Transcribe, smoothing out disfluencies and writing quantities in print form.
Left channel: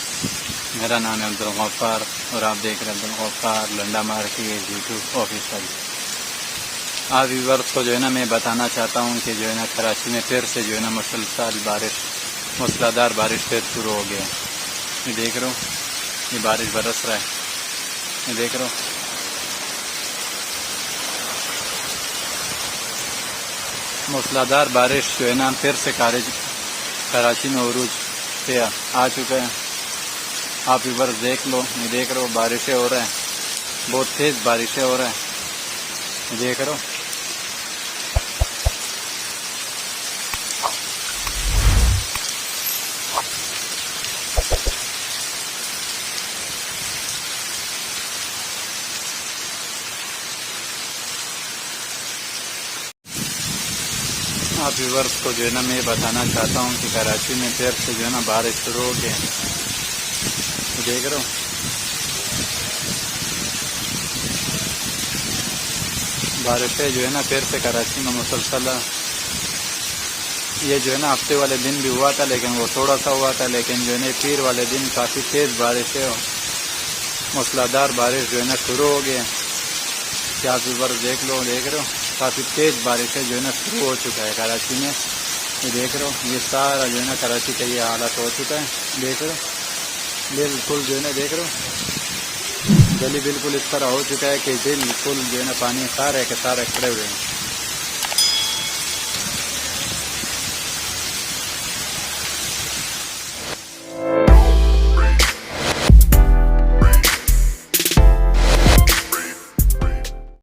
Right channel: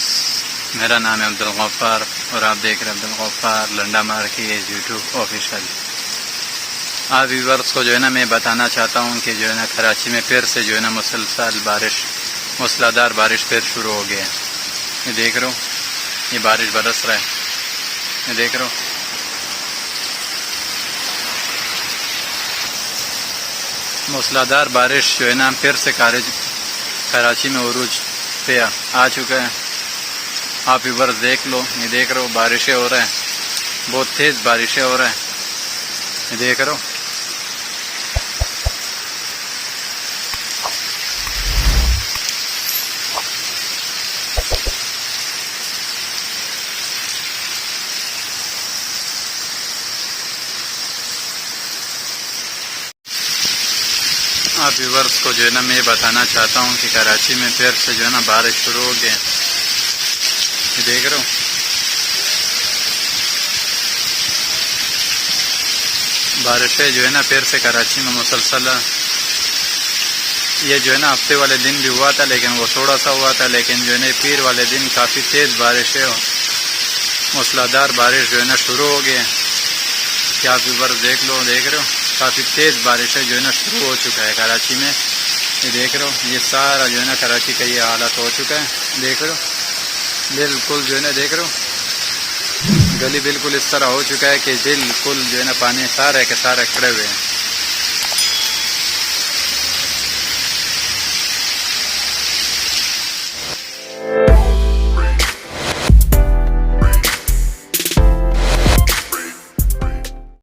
Viewers, मेरा नाम है अब्दुल गफ्फार और आप देख रहे हैं अब्दुल गफ्फार लंडा मार की यूट्यूब ऑफिशियल। आप व्यूवर्स को जो है ना मैं बताना चाहता हूँ कि जो है ना कराची में फिर से जो है ना मुसलसल बारिश, मूसलाधार बारिश फिर शुरू हो गया है। ये देख रहे हो, ये बारिश बरस रहा है, ये देख रहे हो। मूसलाधार बारिश जो है ना फिर से कराची में उरूज पे आ चुका है। आप व्यूवर्स देख लो, ये देख रहे हो बारिशें हो रहा है, बहुत तेज़ बारिशें हो रहा है, ये देख रहे हो। आप व्यूवर्स को जो है ना मैं बताना चाहता हूँ कि कराची में फिर से जो है ना बारिश शुरू हो गया, ये देख रहे हो। बारिशें जो है ना फिर से कराची में मुसलसल, ये जो है ना हफ्ते वाले दिन भी हुआ था लेकिन वो थोड़ा सा हुआ था, लेकिन जो है ना पीर वाले दिन काफ़ी तेज़ बारिशें, मूसलाधार बारिश जो है ना शुरू हो गए। क्या आप व्यूवर्स देख लो, देख रहे हो काफ़ी तेज़ बारिशें जो है ना शुरू हो चुका है कराची में। ये देख रहे हो, ये सारा जो है ना कराची का ये हालत हो चुका है, देख रहे हो। बिल्कुल जो है ना देख रहे हो, गली बिल्कुल इस तरह हो चुका है कि बिल्कुल जो है ना पानी सारे के सारे खड़े हुए हैं।